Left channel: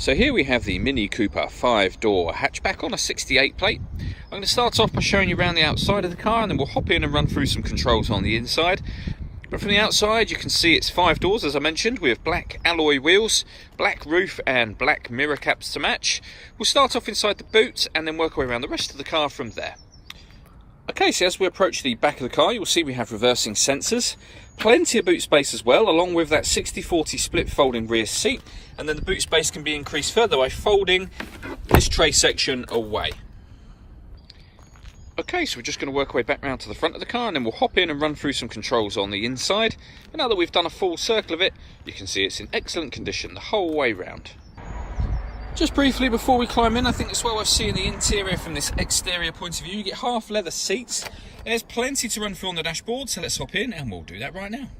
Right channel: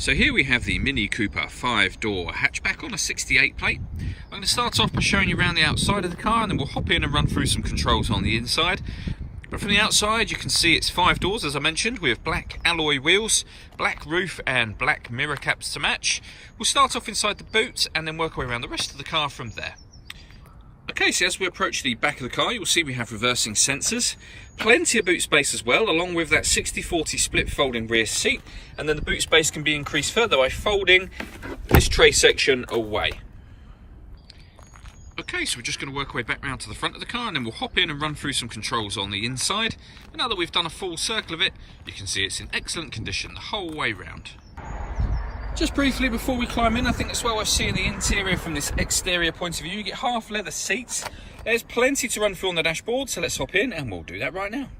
So here we have the Mini Cooper 5-door hatchback on a 68 plate. I'm going to start off by showing you around the outside of the car, and then we'll hop in and run through some controls on the inside. But from the outside you can see it's 5 doors, as I mentioned, with black alloy wheels, black roof and black mirror caps to match. We'll start off inside the boot and then work our way around the rest of the car from there. Okay, so as we approach the back of the car, you'll see we have reversing sensors, plenty of boot space as well, along with that 60/40 split folding rear seat, and then the boot space can be increased further by folding this tray section away. Okay, so we're just going to work our way back round to the front of the car, and then we'll hop in and run through some controls on the inside. And now that we've done a full circle of it, you can see it's in excellent condition the whole way round. Just briefly before we climb in, I think it's well worth seeing the interior from this exterior point of view. You get half leather seats. There's plenty to run through on the dashboard, so let's hop in and we'll do that right now.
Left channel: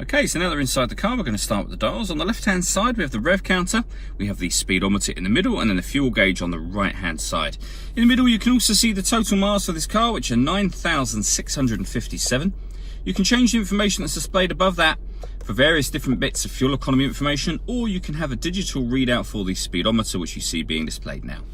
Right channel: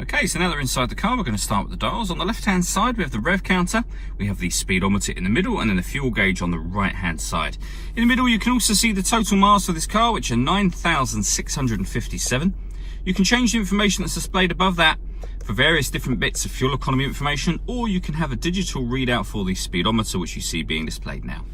Okay, so now that we're inside the car, we're going to start with the dials. On the left-hand side, we have the rev counter. We have the speedometer in the middle, and then the fuel gauge on the right-hand side. In the middle, you can also see the total miles for this car, which are 9,657. You can change the information that's displayed above that for various different bits of fuel economy information, or you can have a digital readout for the speedometer, which you see being displayed now.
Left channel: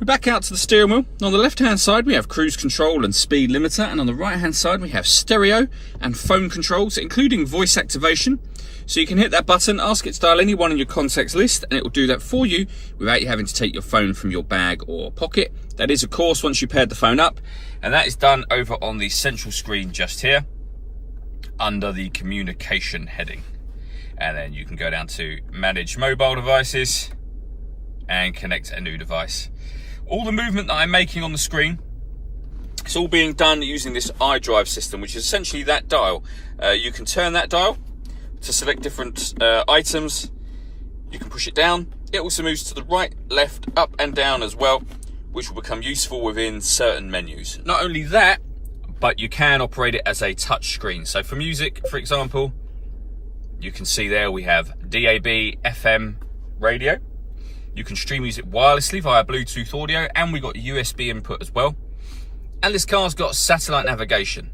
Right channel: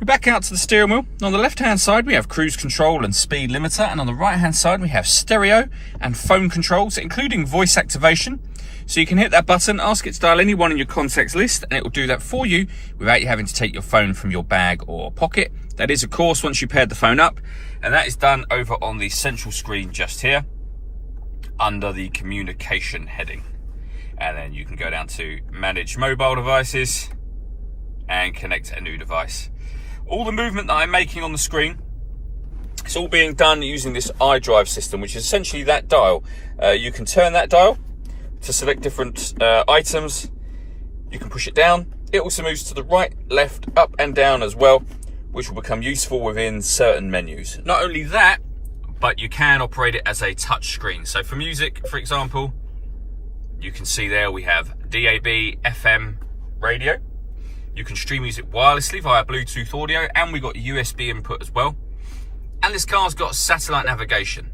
We're back out to the steering wheel. On the left-hand side, we have cruise control and speed limiter, and on the right-hand side, we have stereo and phone controls, including voice activation. So you can hit that button, ask it to dial anyone in your contacts list, and it will do that for you without you having to take your phone from your bag or pocket. That is, of course, once you paired the phone up, and that is done over on the central screen just here, under the communication heading. And then you can go down to manage mobile devices and connect a new device. All the movement that I'm making on the screen, it's all being done using this iDrive system, which is essentially that dial. You can turn that dial to select different items. You can push it down. It also moves to the right, left, up and down as well, which will become useful within certain menus. Not only that, but you can operate it as a touch screen. So for music, for example, you can see there we have DAB, FM, radio. You can stream music wirelessly via Bluetooth audio, and we got USB input as well. And this car's got satellite navigation.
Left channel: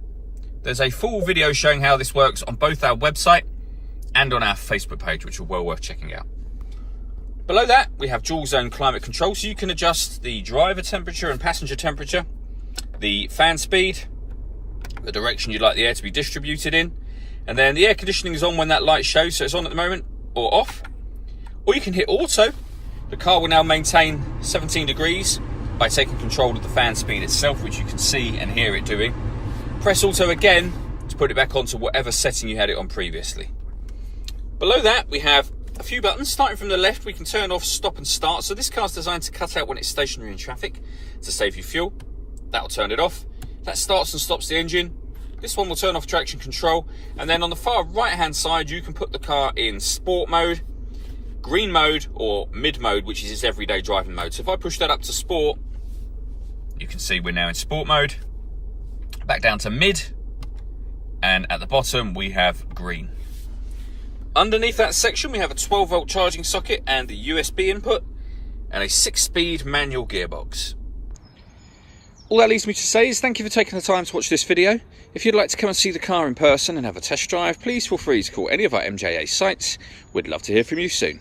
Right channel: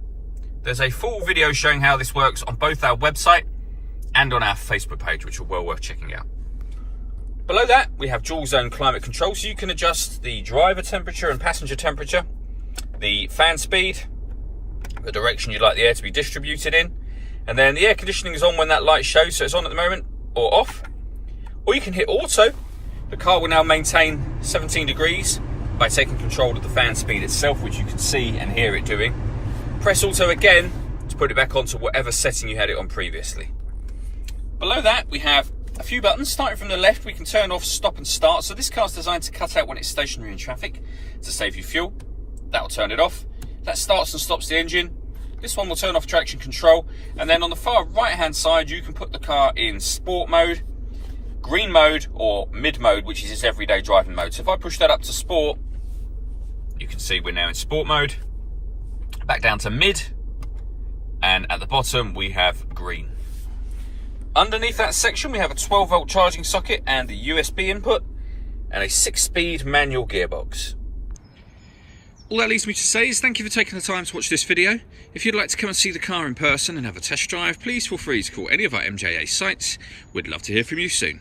There's a full video showing how this works on both our website and on our Facebook page, which are well worth checking out. Below that, we have dual zone climate control, so you can adjust the driver temperature and passenger temperature, the fan speed, the direction you'd like the air to be distributed in, and then the air conditioning is on when that light shows, so it's on at the moment, or off. Or you can hit auto. The car will now maintain 17 degrees by taking control of the fan speed itself, which you can see and hear it doing. Press auto again to put it back onto whatever setting you had it on previously. Below that, we have a few buttons. Starting from the left, we can turn off stop and start. So this car's designed to cut out when it's stationary in traffic to save you fuel. That'll turn it off. That starts and stops the engine. This one will turn off traction control. And then on the far right-hand side, you can put the car in sport mode, green mode, or mid mode, which is its everyday driving mode. So if I push that up to sport, you can see we're now in sport mode. Back down to mid, and at the bottom we have green. Underneath that section we have a 12-volt charging socket and a USB input, and a 6-speed manual gearbox. All that leaves me to say is thank you for taking the time to watch this video. If you'd like to come and see the car in person and have a test drive, please feel free to call any of our MJA sites. We'd love to hear from you soon.